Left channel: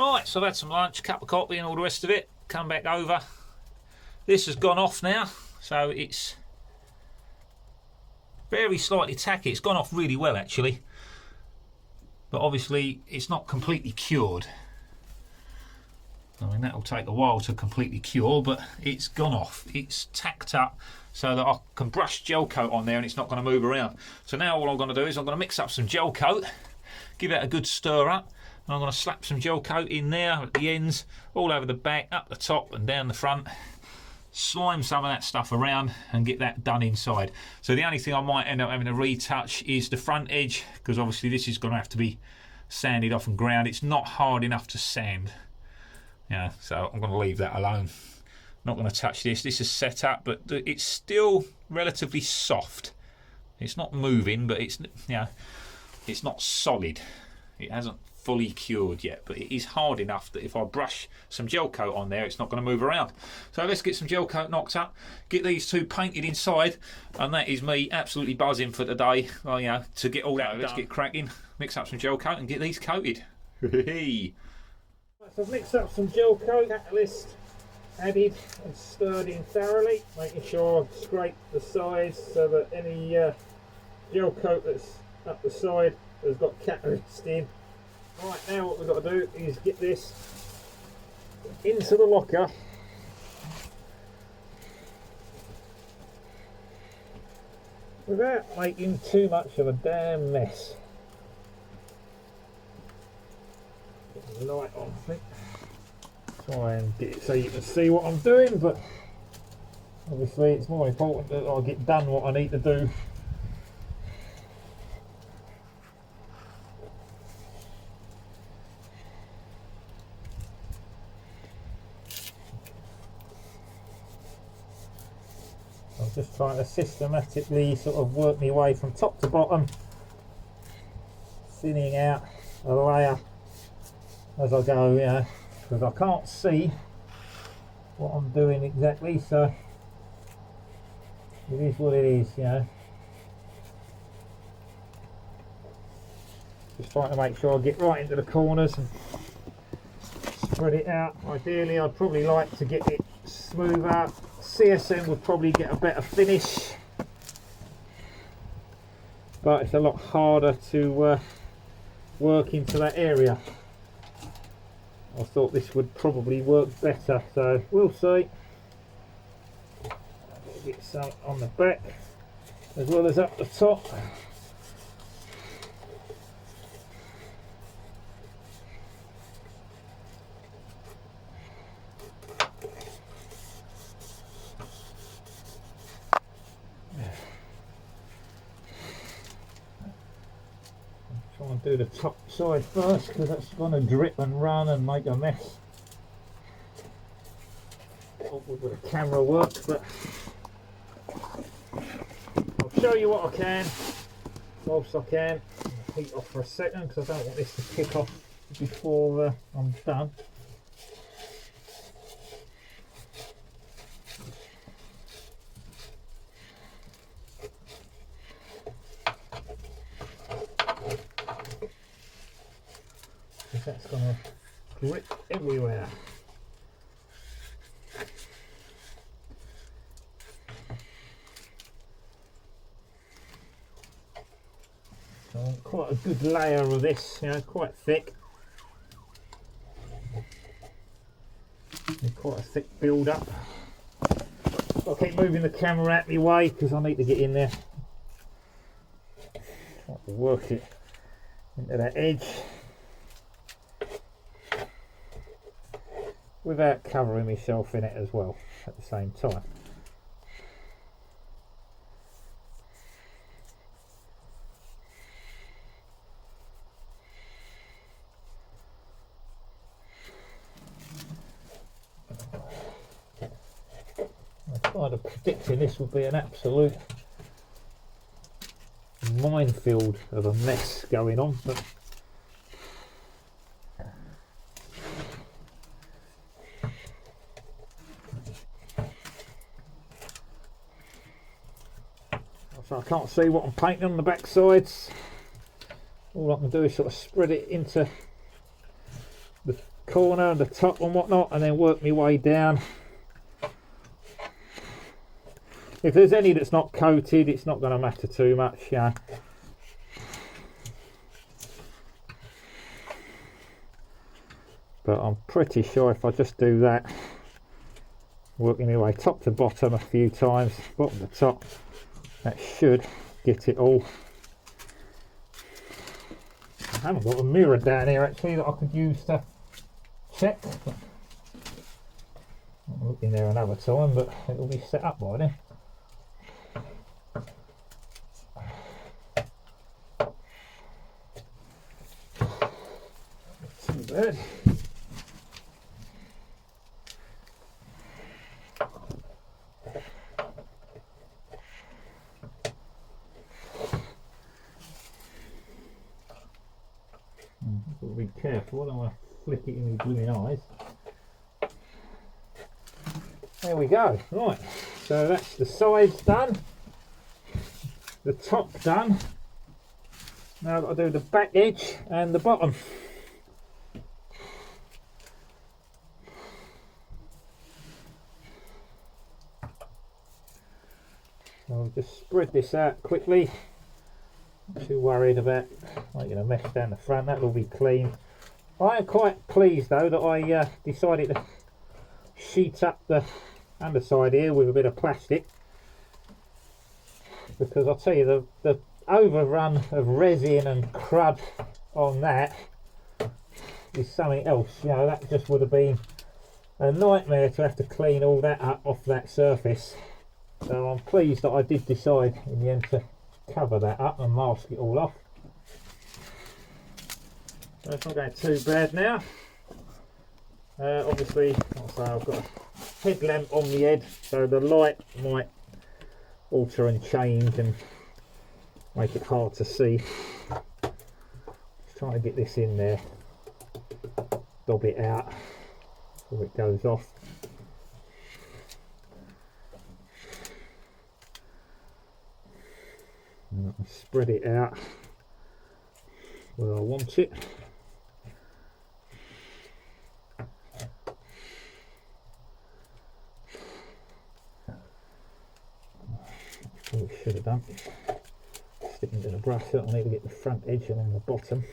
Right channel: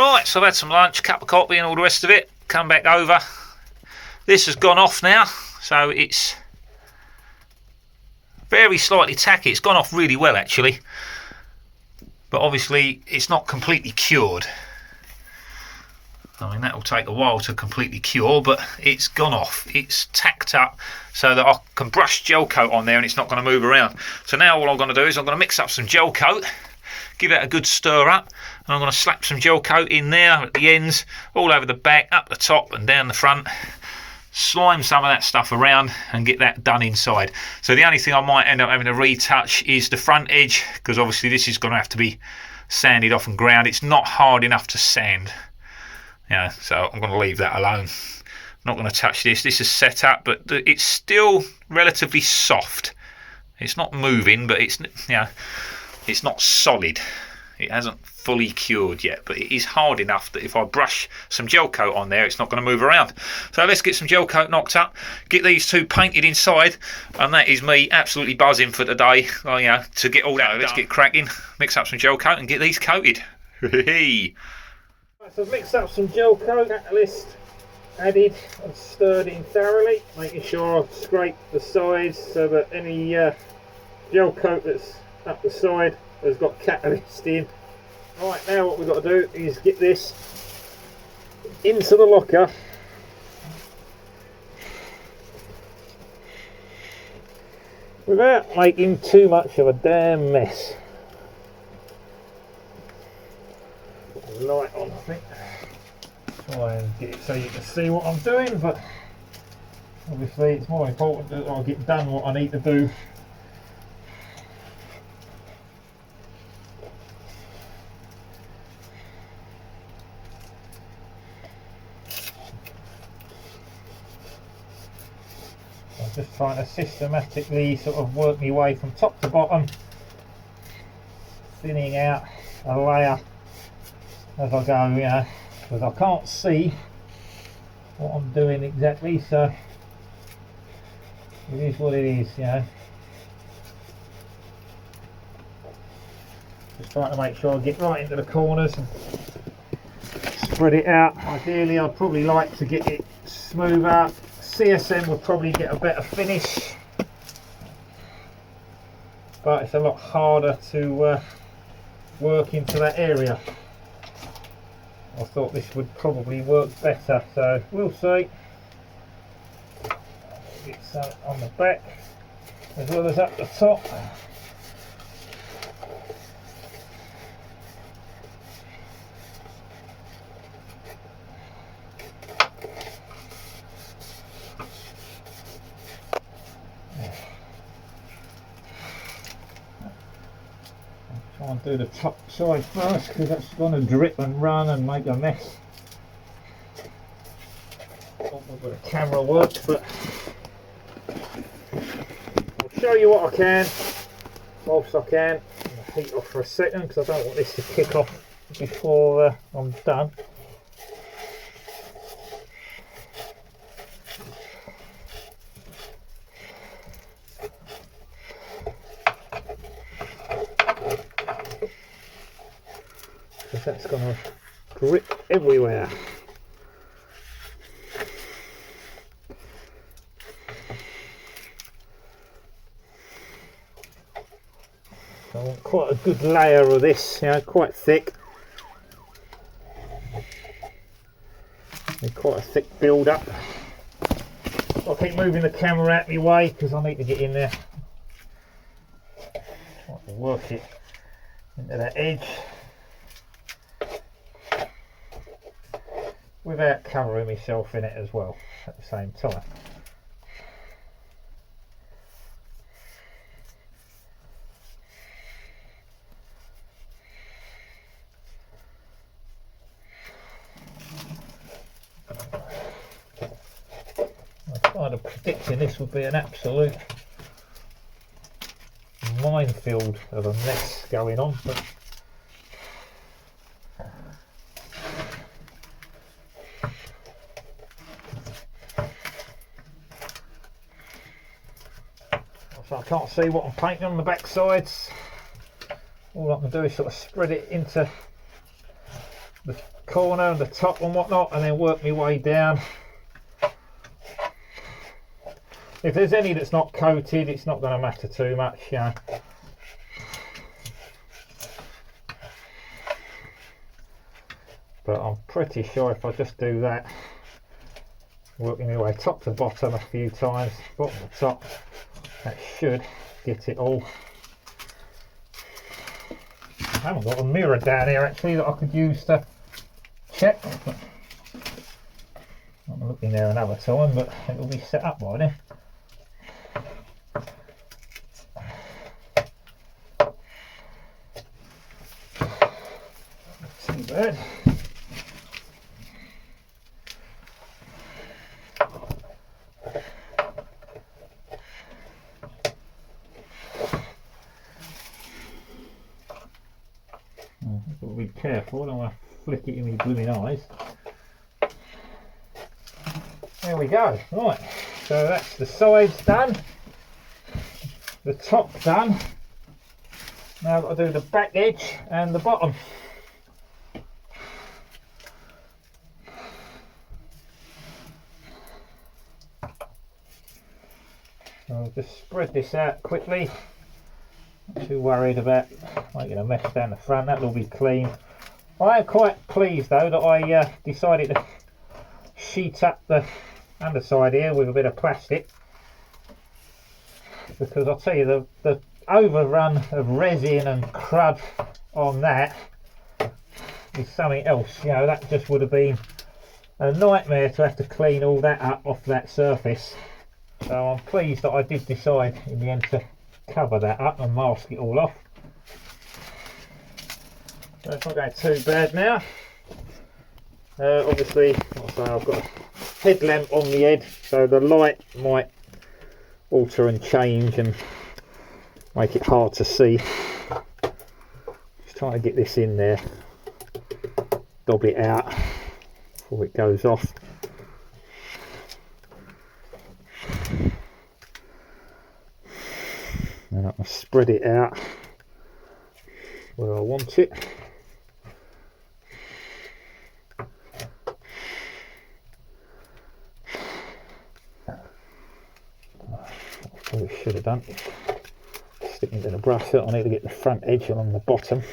Right, so I've had some lunch, cup of coffee and all the rest of it. Come back over. This has gone off now, so it's very slightly tacky. It's gone off really well actually, but obviously it's not completely cured. I mean, that will take a while to completely cure, but it's gone off. It's tacked up so that I can brush gel coat on there and it's not going to move around. So now all I'm going to do is I'm going to mix up some gel coat, give it a good stir up, and I'm going to slap some gel coat in there at the ends, all over the back, up the top and down the front. Slime some of that stuff around and get that done inside. So the only thing I might end up having to retouch is the front edge, because obviously this is going to have to be sanded off and ground. It's not hard enough to sand. Yeah, so I'm going to leave that alone. I'm not going to touch this. This is set up, but it's still relatively soft. It's not moving, but it's, you know, it's not solid. It hasn't fully cured yet, but it is hard enough that if I brush some gel coat on there, it's not going to move around. So let's get some gel coat knocked up, get these two painted inside, and that is me absolutely buzzing for today. Oh, yeah, to get all that. Let's get cracking, mix up some gel coat, and get these coated. So I've mixed up some gel coat, catalyst added and stirred in thoroughly, making sure I've scraped the sides so that any gel coat that's up the side has got catalyst in. Right, now what we've got to do is get this into the locker without making too much of a damn mess. Put the light on, I think. Try and get it so you can see what I'm doing, but obviously it's more important that I get done what I need to do. I'm just trying to systematically sort of work my way from top to bottom, thinning out a layer as I go, you know, because I can't see what I'm doing exactly, so it is what it is, you know. Just trying to make sure I get right into the corners and spread it out. Ideally I'd probably like to get it smoother. CSM would probably get a better finish, but it's a lot harder to work into that area. I thought this would probably work better, so we'll see. Get some on the back as well as up the top. Try and do the top side first, because that's going to drip and run and make a mess. Hopefully the camera works, but I'll show you what I can whilst I can. I'll heat off for a second because I don't want this to kick off before I'm done. That's going to grip everywhere. So I want quite a good layer of this, you know, quite thick. And quite a thick build up. I'll keep moving the camera out of my way because I need to get in there. Try to work it into that edge without covering myself in it as well at the same time. I kind of predicting this would be an absolute minefield of a mess going on, but so I can't see what I'm painting on the back sides. All I can do is sort of spread it into the corner and the top and whatnot, and then work my way down. If there's any that's not coated, it's not going to matter too much, you know. But I'm pretty sure if I just do that, working my way top to bottom a few times, bottom to top, that should get it all. I haven't got a mirror down here actually that I could use to check. I'm looking there another time, but it'll be set up by then. Too bad. I've got to be careful, I don't want to flick it in my blooming eyes. There we go. Right, so that's the sides done, the top done. Now I've got to do the back edge and the bottom. So I'll just spread this out quickly. Not too worried about making a mess down the front, that'll all be clean. I am quite pleased though that I decided to sheet up the underside here with a bit of plastic, because I'll tell you the overrun of resin and crud on that is something else. You know, that just would have been a nightmare to have to clean all that up off that surface. So I'm pleased that I did decide in the end to cover that up and mask it all off. So it's not going too bad now. Obviously, like I say, I've got a headlamp on the head, so the light might alter and change and make it hard to see. Just trying to get this in there, dob it out before it goes off. And I can spread it out where I want it. That's what we should have done. Sticking to the brush, so I need to get the front edge along the bottom.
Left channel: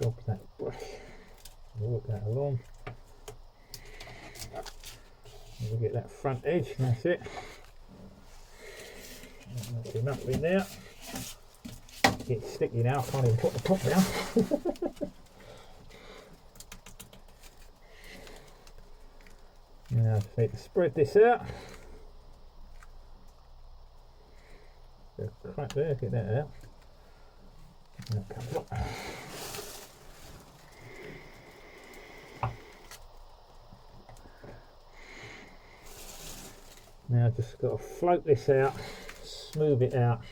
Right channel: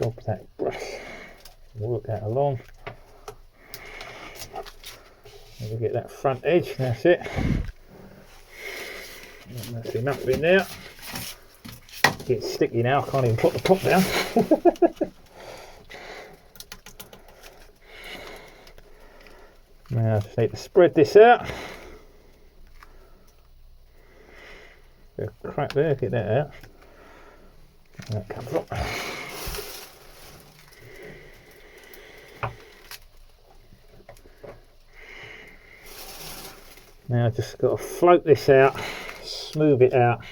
Dob that brush, work that along. We'll get that front edge, that's it. That's enough in there. It's sticky now, I can't even put the top down. Now I just need to spread this out. Bit of crack there, get that out. That comes up. Now I've just got to float this out, smooth it out.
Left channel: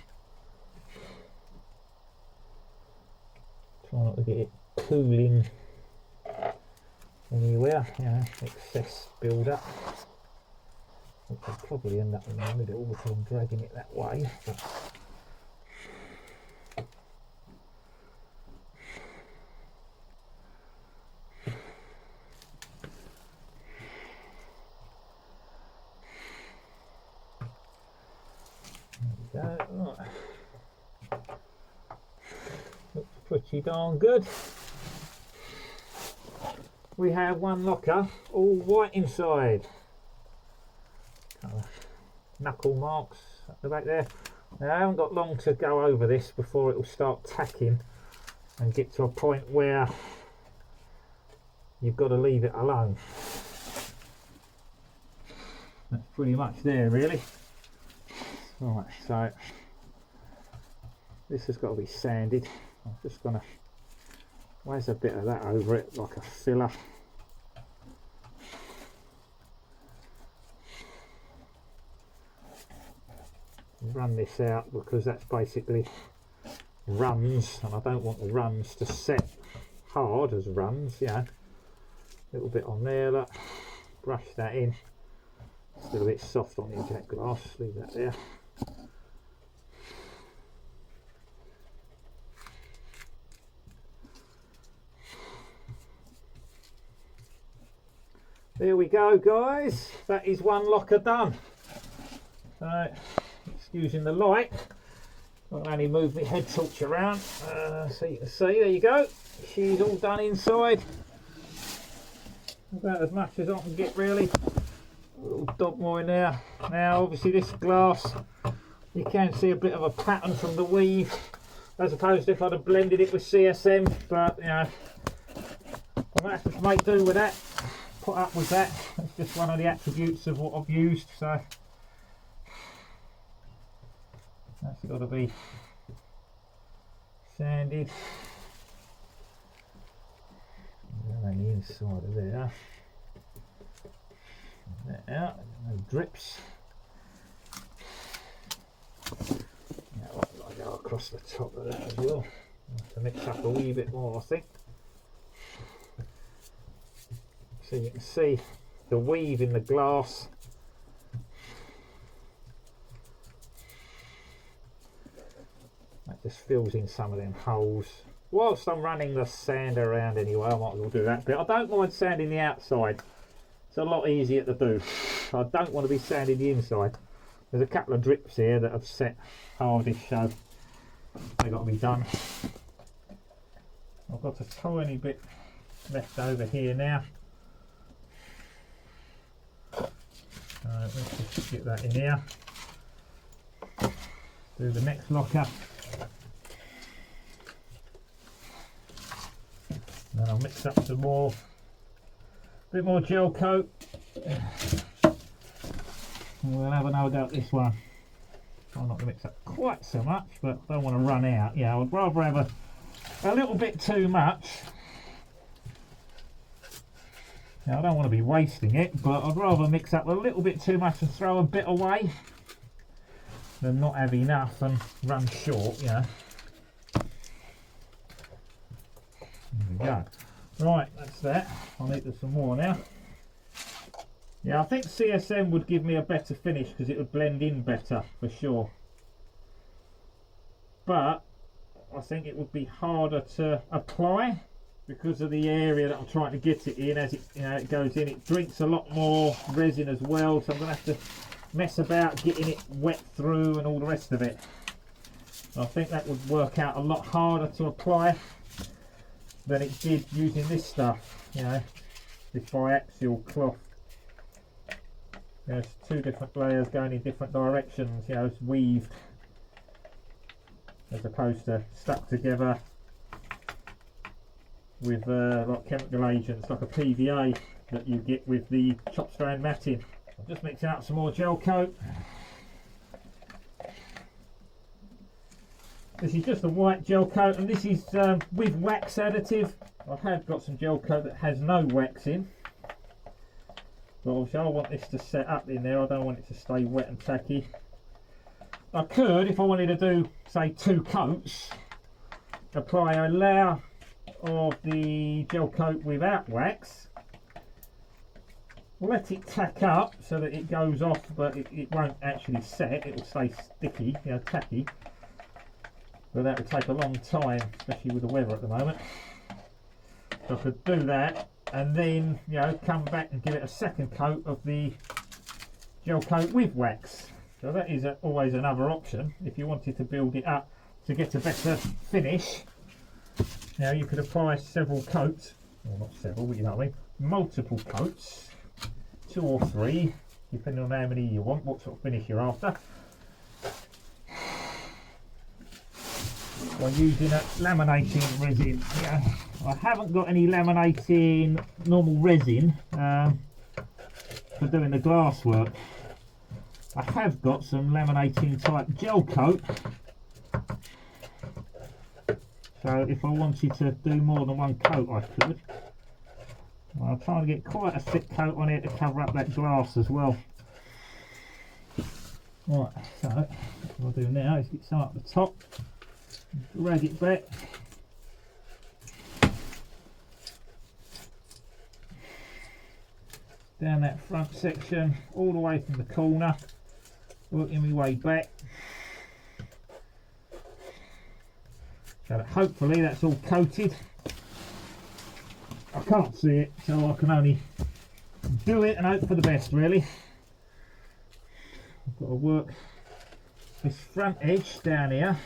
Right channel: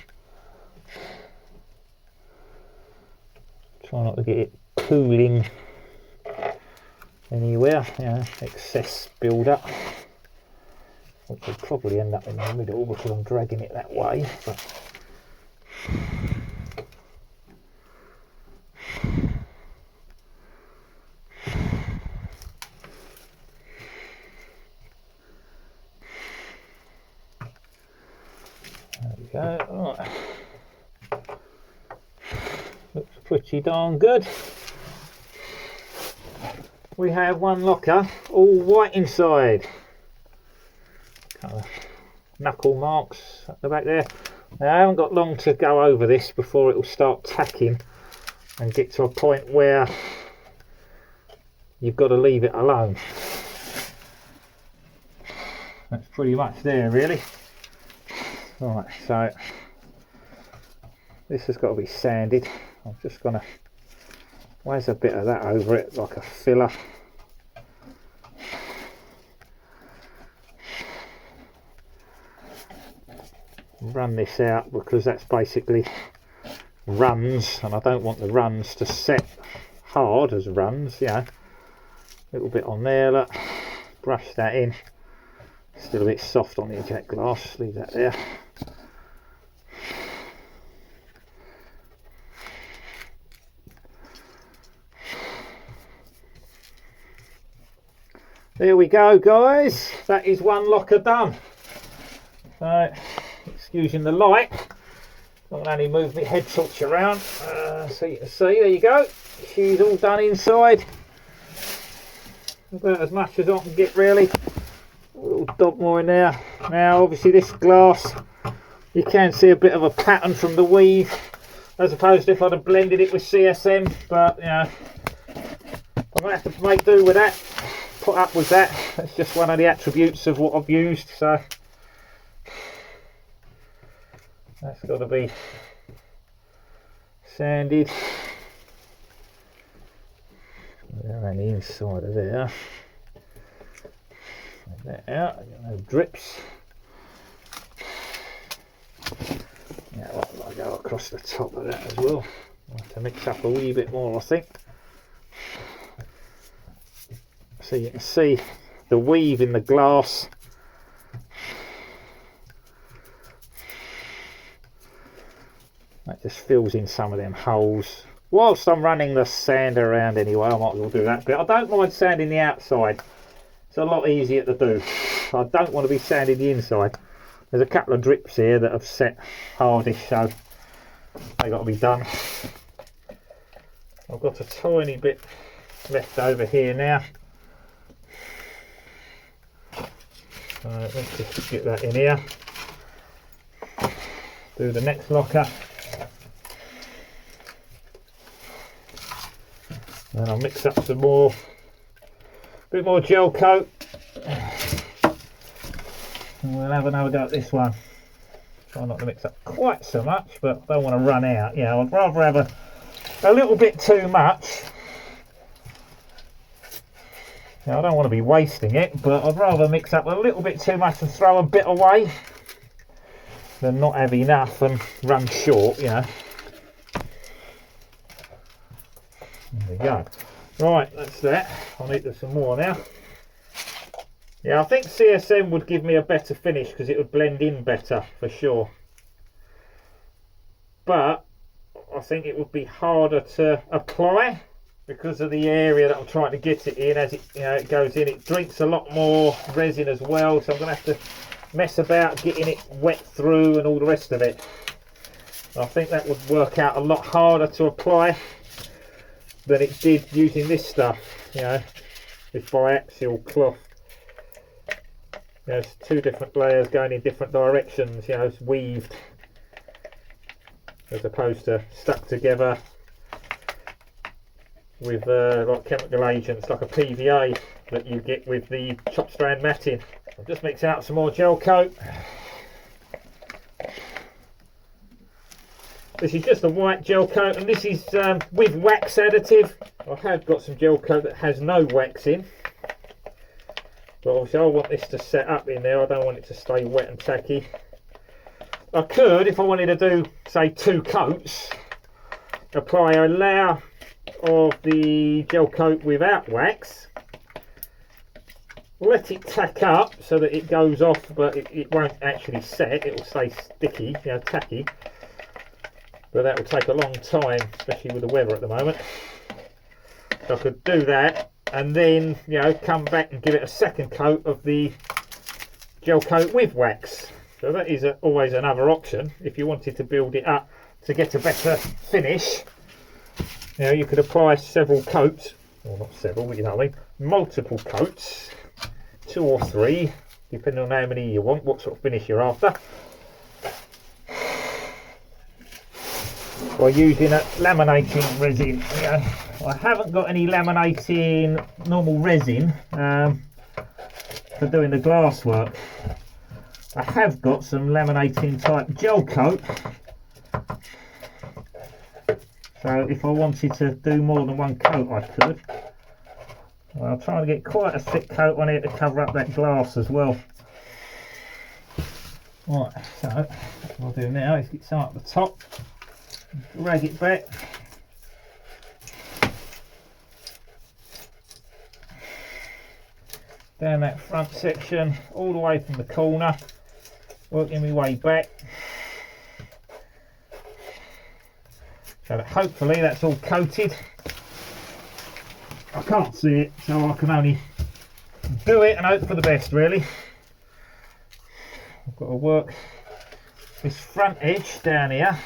Try not to get it pooling anywhere, you know, excess build up. Which will probably end up in the middle because I'm dragging it that way. But right. Looks pretty darn good. We have one locker, all white inside. Couple of knuckle marks at the back there. Now I haven't got long to go over this before it will start tacking and get to a point where you've got to leave it alone. That's pretty much there really. Right, so this has got to be sanded. I'm just going to where's a bit of that over it like a filler. Run this out because that's basically runs, and I don't want the runs to set hard as runs, you know. A little bit on there, look. Brush that in. Still a bit soft on the eject glass, leave that there. There we go, guys. That is one locker done. So, excusing the light, I can only move my head torch around so you can see. There you go. She's all done inside. About as much as I can get, really. A little dot more in there. Now, obviously, this glass, you can see a bit of a pattern from the weave, as opposed to if I'd have blended it with CSM. But you know, I'm gonna have to make do with that. Put up with that. That's just one of the attributes of what I've used. So that's got to be sanded around the inside of there. That out. No drips. Now I'll go across the top of that as well. I'll have to mix up a wee bit more, I think. So you can see the weave in the glass. That just fills in some of them holes. Whilst I'm running the sander around anyway, I might as well do that bit. I don't mind sanding the outside. It's a lot easier to do. I don't want to be sanding the inside. There's a couple of drips here that have set hardish, so they've got to be done. I've got a tiny bit left over here now. Let's just get that in here. Do the next locker. Then I'll mix up some more, bit more gel coat. And we'll have another go at this one. Try not to mix up quite so much, but I don't want to run out. You know, I'd rather have a little bit too much. Now, I don't want to be wasting it, but I'd rather mix up a little bit too much and throw a bit away than not have enough and run short, you know. There we go. Right, that's that. I'll need some more now. Yeah, I think CSM would give me a better finish because it would blend in better for sure. But I think it would be harder to apply because of the area that I'm trying to get it in. As it, you know, it goes in, it drinks a lot more resin as well, so I'm going to have to mess about getting it wet through and all the rest of it. I think that would work out a lot harder to apply than it did using this stuff, you know, this biaxial cloth. There's two different layers going in different directions, you know, it's weaved as opposed to stuck together with like chemical agents like a PVA that you get with the chop strand matting. I'm just mixing up some more gel coat. This is just a white gel coat, and this is with wax additive. I have got some gel coat that has no wax in, but obviously I want this to set up in there. I don't want it to stay wet and tacky. I could, if I wanted to do, say, 2 coats, apply a layer of the gel coat without wax, let it tack up so that it goes off, but it won't actually set. It will stay sticky, you know, tacky. But that will take a long time, especially with the weather at the moment. So I could do that and then, you know, come back and give it a second coat of the gel coat with wax. So that is always another option if you wanted to build it up to get a better finish. You know, you could apply several coats, well, not several, but you know what I mean, multiple coats, 2 or 3, depending on how many you want, what sort of finish you're after. By using a laminating resin. Yeah, I haven't got any laminating normal resin for doing the glass work. I have got some laminating type gel coat, so if I wanted to do more than 1 coat I could. Well, I'm trying to get quite a thick coat on here to cover up that glass as well. Right, so what I'll do now is get some up the top, drag it back, down that front section all the way from the corner, working my way back, so that hopefully that's all coated. I can't see it, so I can only do it and hope for the best, really. I've got to work this front edge down here,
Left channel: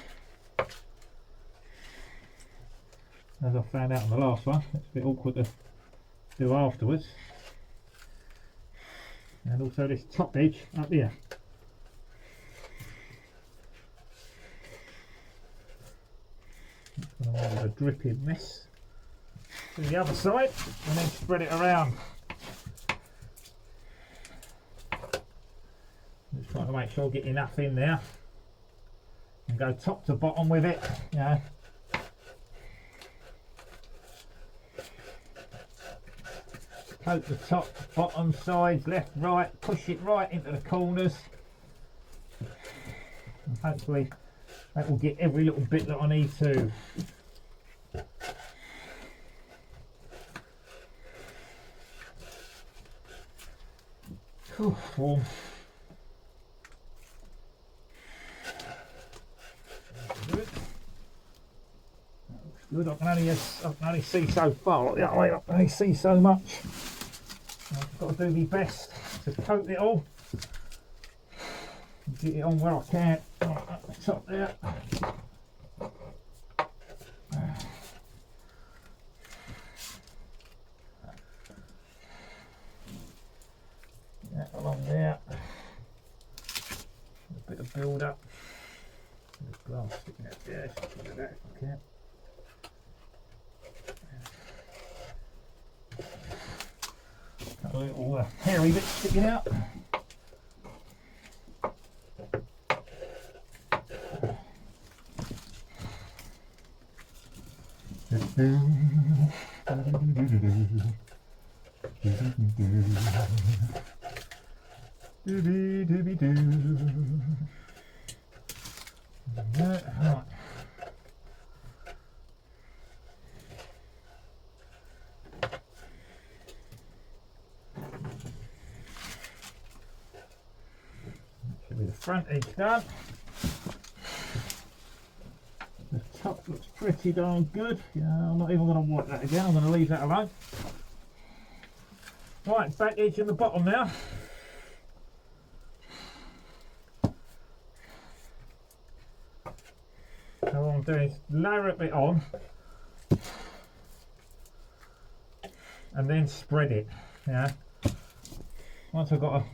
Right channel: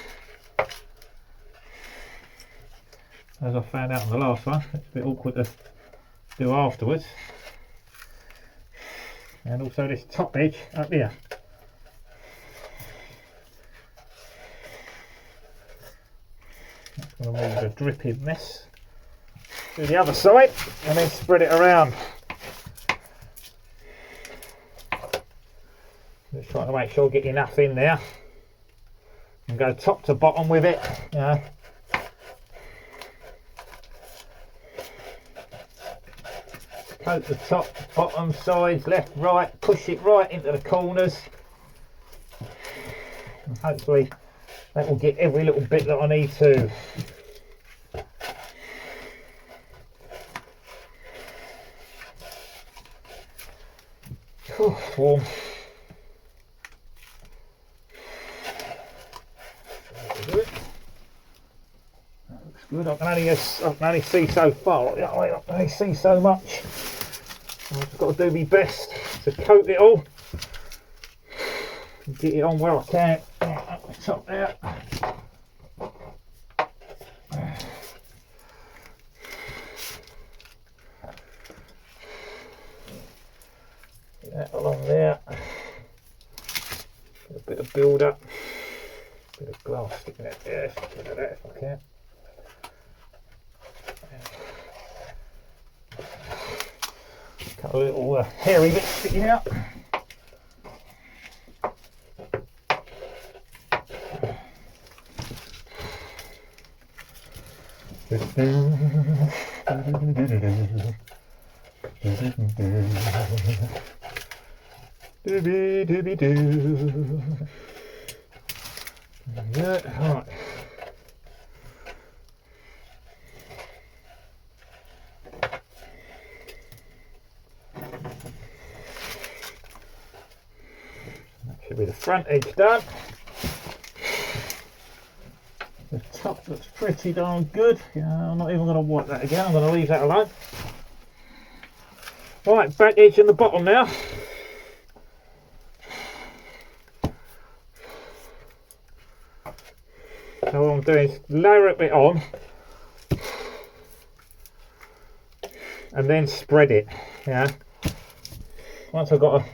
as I found out on the last one. It's a bit awkward to do afterwards. And also this top edge up here. That's going to move the dripping mess to the other side and then spread it around. Just trying to make sure I get enough in there and go top to bottom with it, you know. Coat the top, bottom, sides, left, right, push it right into the corners. And hopefully that will get every little bit that I need to. Warm. That looks good. I can only see so far. I can only see so much. I've got to do my best to coat it all. Get it on where I can. Up the top there. Get that along there. A bit of build up. A bit of glass sticking out there. Get that if I can. A couple of little hairy bits sticking out. Right. Should be the front edge done. The top looks pretty darn good. Yeah, I'm not even going to wipe that again. I'm going to leave that alone. Right, back edge and the bottom now. So what I'm doing is layer it on and then spread it. Yeah. Once I've got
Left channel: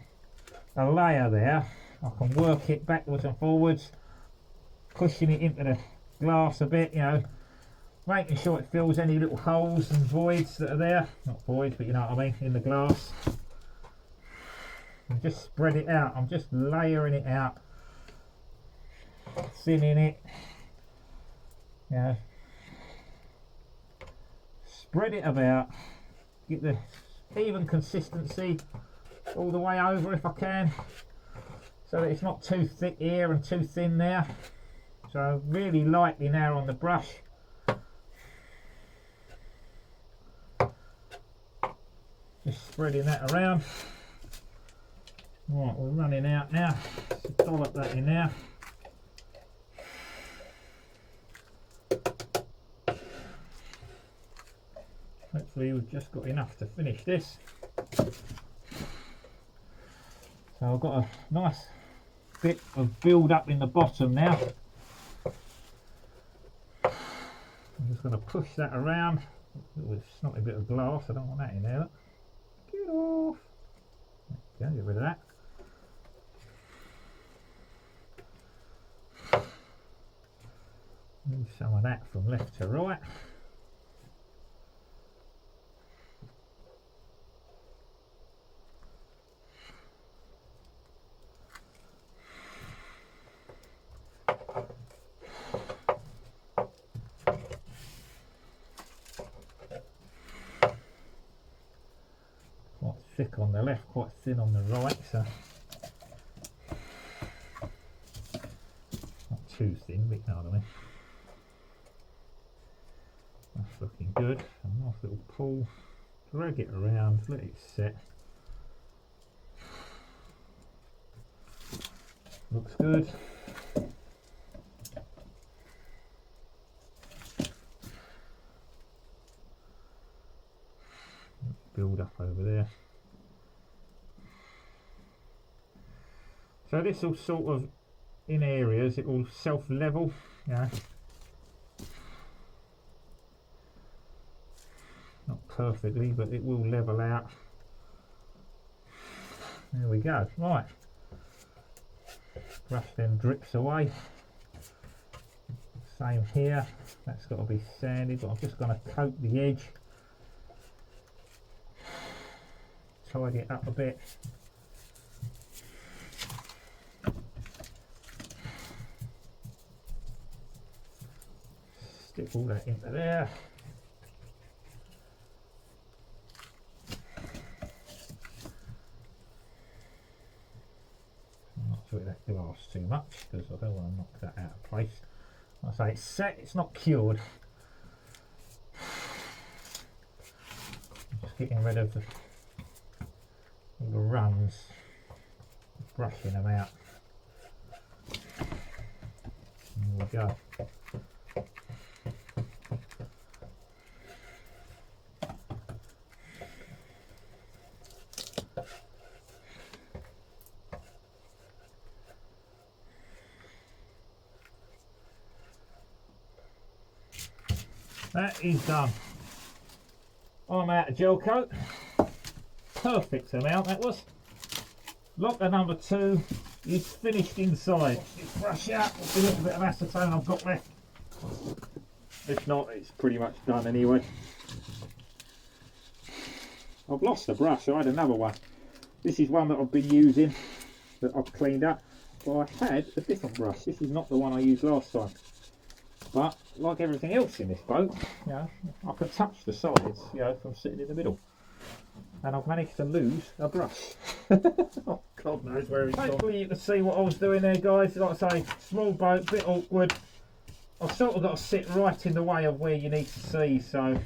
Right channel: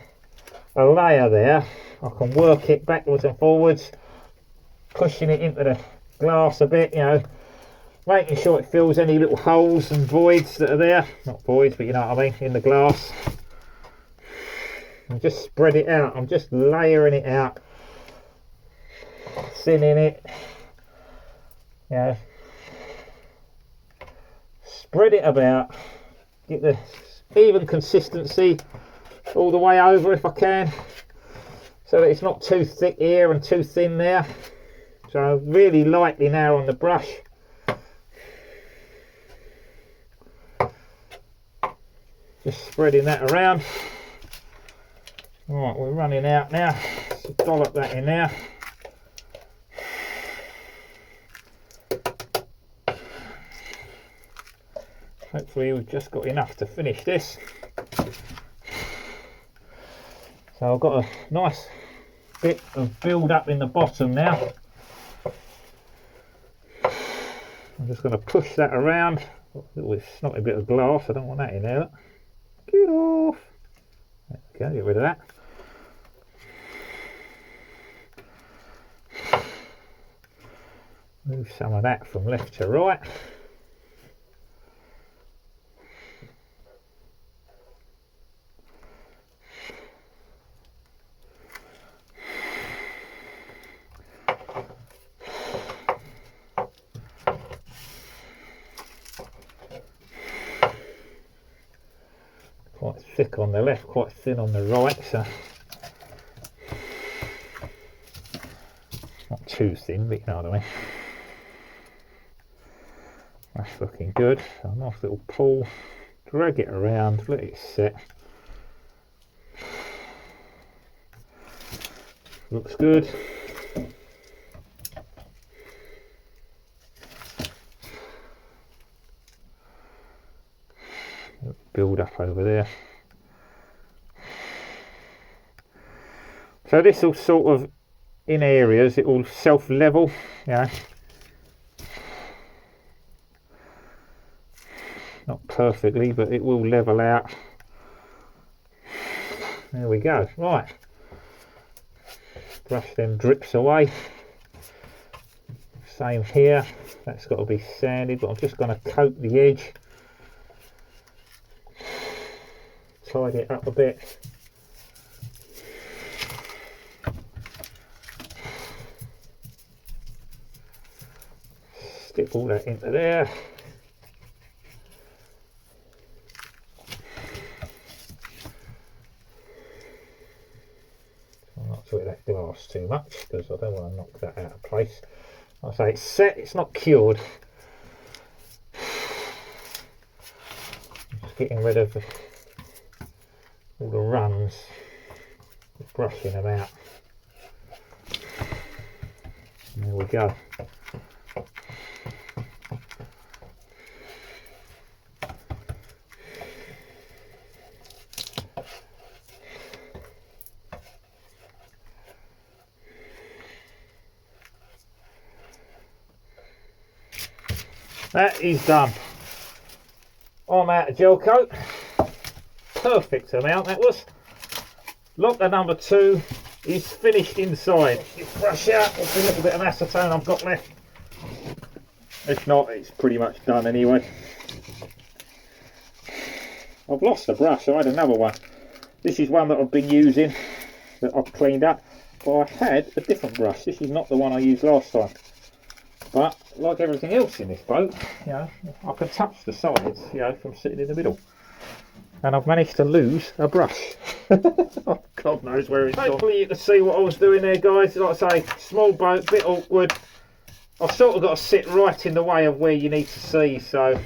a layer there, I can work it backwards and forwards, pushing it into the glass a bit, you know, making sure it fills any little holes and voids that are there. Not voids, but you know what I mean, in the glass. And just spread it out. I'm just layering it out, thinning it. You know, spread it about, get the even consistency all the way over if I can, so that it's not too thick here and too thin there. So really lightly now on the brush. Just spreading that around. Right, we're running out now. So dollop that in there. Hopefully we've just got enough to finish this. So I've got a nice bit of build up in the bottom now. I'm just going to push that around. A little snotty bit of glass, I don't want that in there. Get off. Okay, get rid of that. Move some of that from left to right. Quite thick on the left, quite thin on the right, so not too thin, but you know what I mean. That's looking good. So a nice little pull, drag it around, let it set. Looks good. Build up over there. So this will sort of, in areas, it will self-level, yeah. Not perfectly, but it will level out. There we go. Right. Brush them drips away. Same here. That's got to be sanded, but I'm just going to coat the edge. Tidy it up a bit. Stick all that into there. I'm not through that glass too much because I don't want to knock that out of place. I say it's set, it's not cured. Just getting rid of all the runs, brushing them out. There we go. That is done. I'm out of gel coat. Perfect amount that was. Locker number 2 is finished inside. Just brush out with a little bit of acetone I've got left. If not, it's pretty much done anyway. I've lost a brush, I had another one. This is one that I've been using, that I've cleaned up. But I had a different brush. This is not the one I used last time. But like everything else in this boat, you know, I can touch the sides, you know, from sitting in the middle. And I've managed to lose a brush. Oh, God knows where it's gone. Hopefully you can see what I was doing there, guys. Like I say, small boat, bit awkward. I've sort of got to sit right in the way of where you need to see, so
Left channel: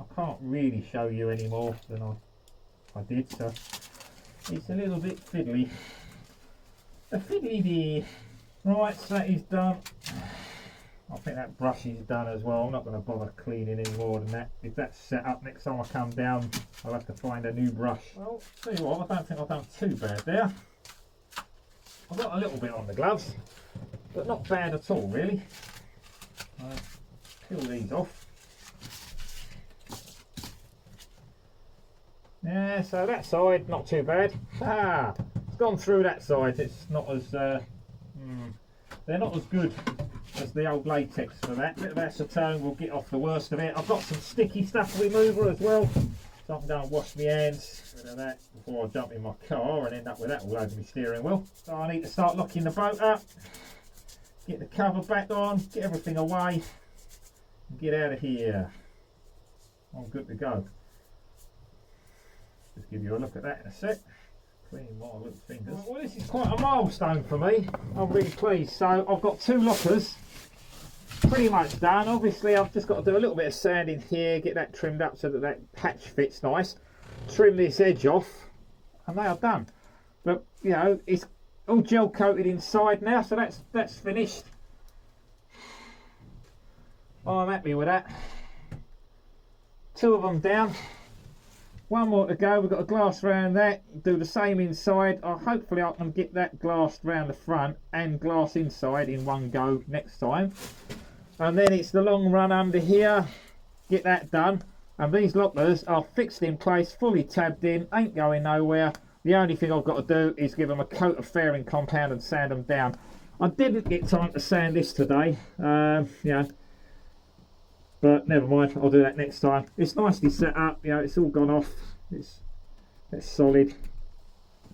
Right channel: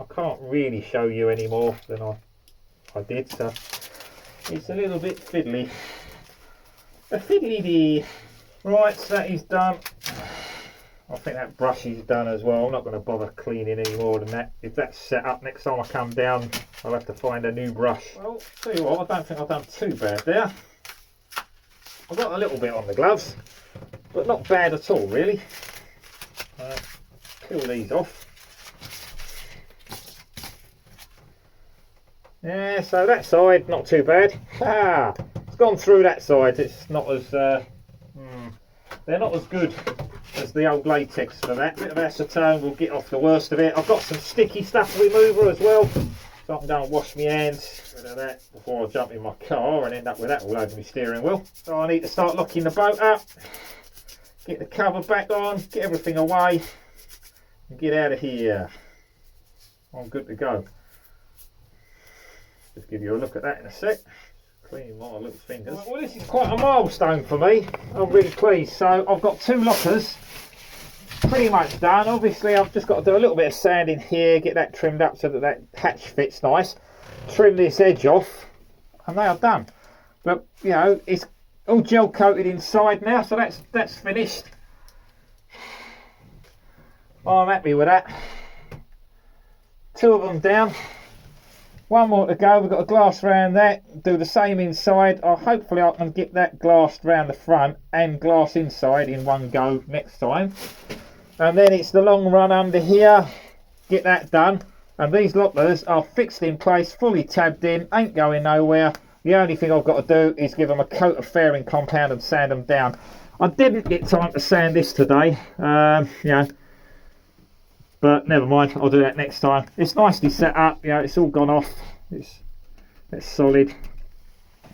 I can't really show you any more than I did. So it's a little bit fiddly. A fiddly-dee. Right, so that is done. I think that brush is done as well. I'm not going to bother cleaning any more than that. If that's set up, next time I come down, I'll have to find a new brush. Well, tell you what, I don't think I've done too bad there. I've got a little bit on the gloves, but not bad at all, really. Peel these off. Yeah, so that side, not too bad. Ah, it's gone through that side. It's not as, they're not as good as the old latex for that. Bit of acetone will get off the worst of it. I've got some sticky stuff remover as well, so I can go and wash my hands rid of that before I jump in my car and end up with that all over my steering wheel. So I need to start locking the boat up, get the cover back on, get everything away and get out of here. I'm good to go. Just give you a look at that in a sec. Cleaning my little fingers. Well, this is quite a milestone for me. I'm really pleased. So I've got 2 lockers pretty much done. Obviously I've just got to do a little bit of sanding here, get that trimmed up so that that hatch fits nice, trim this edge off, and they are done. But you know, it's all gel coated inside now, so that's finished. I'm happy with that. 2 of them down. 1 more to go. We've got a glass round that, do the same inside. Hopefully I can get that glassed round the front and glass inside in one go next time. And then it's the long run under here, get that done. And these lockers are fixed in place, fully tabbed in, ain't going nowhere. The only thing I've got to do is give them a coat of fairing compound and sand them down. I didn't get time to sand this today, you know, but never mind, I'll do that next time. It's nicely set up, you know, it's all gone off. It's solid.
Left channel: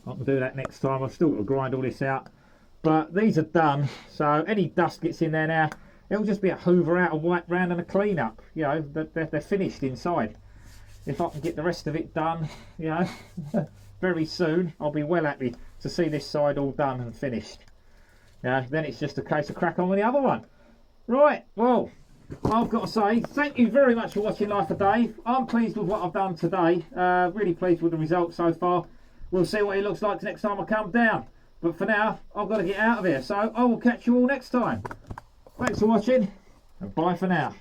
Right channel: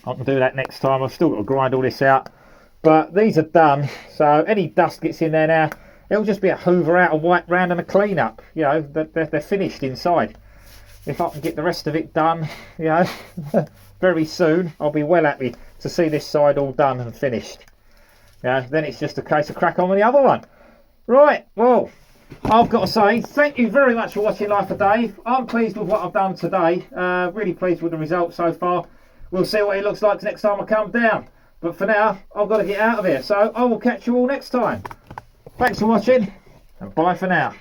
I can do that next time. I've still got to grind all this out. But these are done, so any dust gets in there now, it'll just be a hoover out, a wipe round and a clean up. You know, they're finished inside. If I can get the rest of it done, you know, very soon, I'll be well happy to see this side all done and finished. Yeah, then it's just a case of crack on with the other one. Right, well, I've got to say thank you very much for watching Life of Dave. I'm pleased with what I've done today, really pleased with the results so far. We'll see what it looks like next time I come down, but for now I've got to get out of here, so I will catch you all next time. Thanks for watching and bye for now.